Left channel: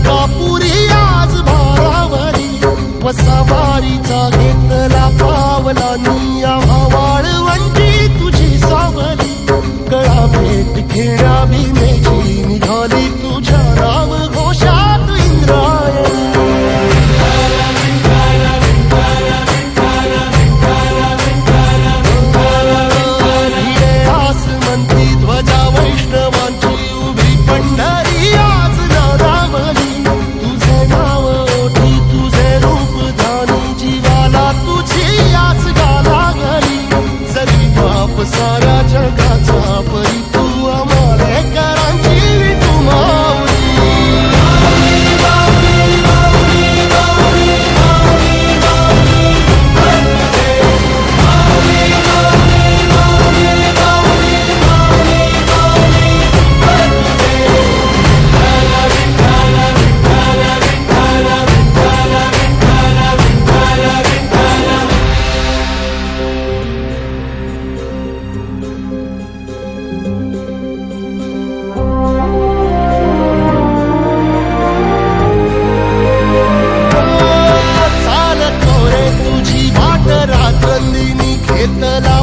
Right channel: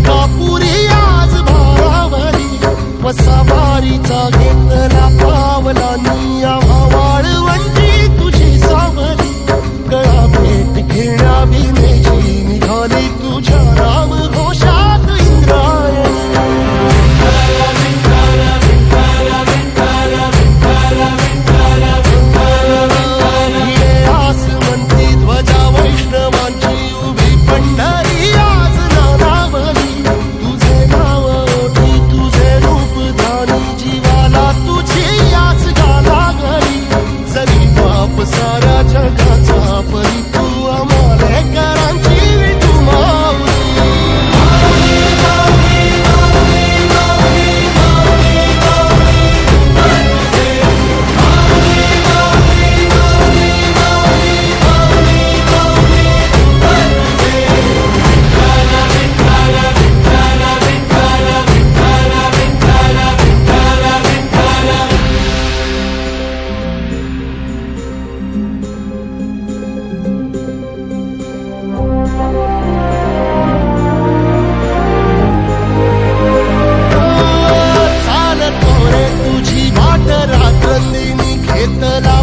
मलकापुरी आज भारावरी वसावारीचा घेतला पावला निया वाळवंटी तुझी सावली गळा भेट घेण्या भीमेची निघाली तुझ्या राम घोषात इंद्रायणी भिडे आसमंती ध्वजा वैष्णवांची उभी पंढरी आज नादावली तुझे नाव ओठी तुझे रूप ध्यानी जीवाला तुझी आस गाला गली जरी बाप साऱ्या जगाचा परी तू आमालेकरांची विठू माऊली रात्रंदिनी घेतला